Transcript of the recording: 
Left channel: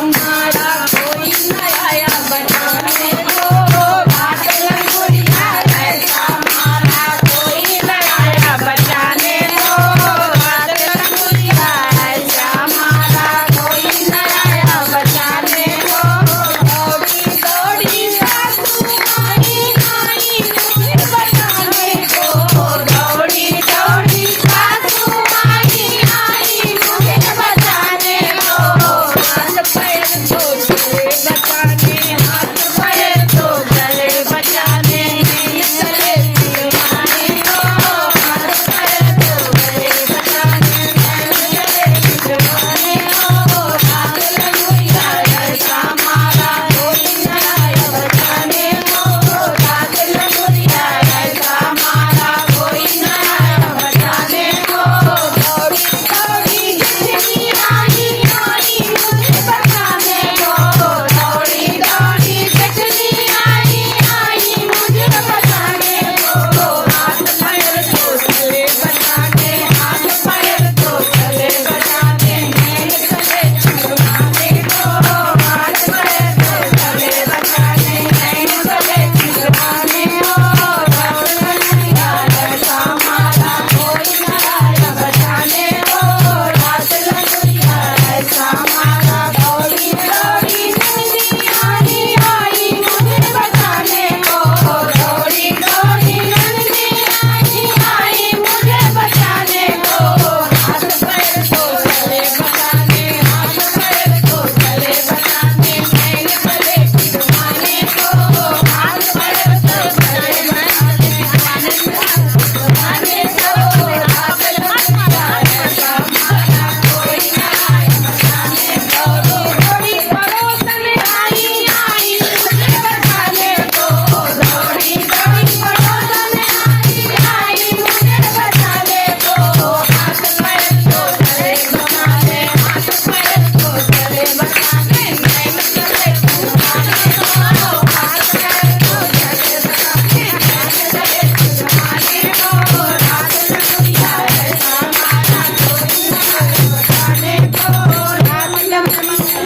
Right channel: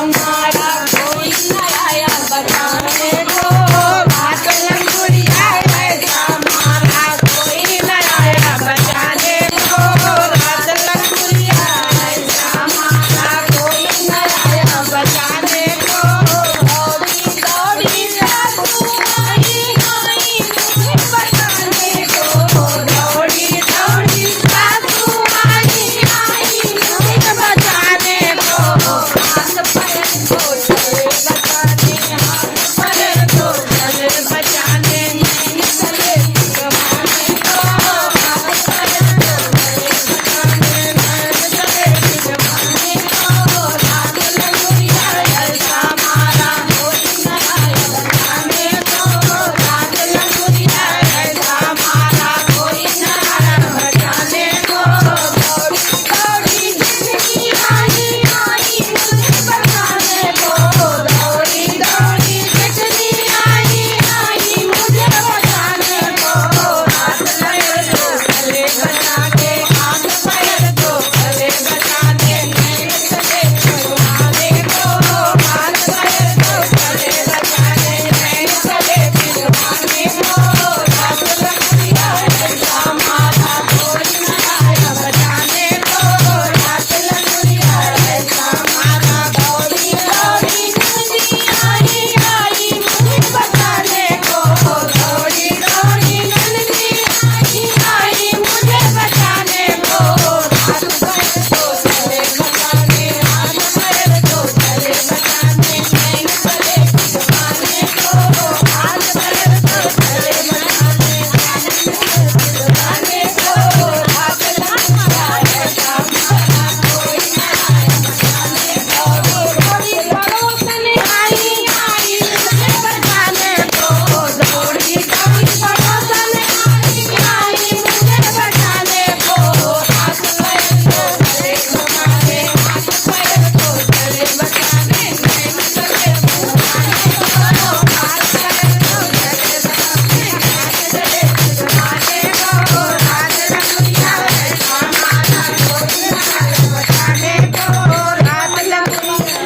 हमारा कोई न आया बचाने को। रात लंगुरिया ऐसा हमारा कोई न आया बचाने को। रात लंगुरिया ऐसा हमारा कोई न आया बचाने को। दौड़ी दौड़ी सासू आई आई मुझे बचाने को। दौड़ी दौड़ी सासू आई आई मुझे बचाने को। हाथ पैर तो चले बचाने, हाथ पैर तो चले बचाने, नैन चले दिलवाने को। हाथ पैर तो चले बचाने, नैन चले दिलवाने को। रात लंगुरिया ऐसा हमारा कोई न आया बचाने को। रात लंगुरिया ऐसा हमारा कोई न आया बचाने को। दौड़ी दौड़ी जिंदगी आई आई मुझे बचाने को। दौड़ी दौड़ी जिंदगी आई आई मुझे बचाने को। हाथ पैर तो चले बचाने, हाथ पैर तो चले बचाने, नैन चले दिलवाने को। हाथ पैर तो चले बचाने, नैन चले दिलवाने को। रात लंगुरिया ऐसा हमारा कोई न आया बचाने को। रात लंगुरिया ऐसा हमारा दौड़ी दौड़ी जिंदगी आई आई मुझे बचाने को। दौड़ी दौड़ी जिंदगी आई आई मुझे बचाने को। हाथ पैर तो चले बचाने, हाथ पैर तो चले बचाने, नैन चले दिलवाने को। हाथ पैर तो चले बचाने, नैन चले दिलवाने को। रात लंगुरिया ऐसा हमारा कोई न आया बचाने को। दौड़ी पड़ोसन आई आई मुझे बचाने को। दौड़ी दौड़ी पड़ोसन आई आई मुझे बचाने को। हाथ पैर तो चले बचाने, हाथ पैर तो चले बचाने, नैन चले दिलवाने को। हाथ पैर तो चले बचाने, नैन चले दिलवाने को। रात लंगुरिया ऐसा हमारा कोई न आया बचाने को। रात लंगुरिया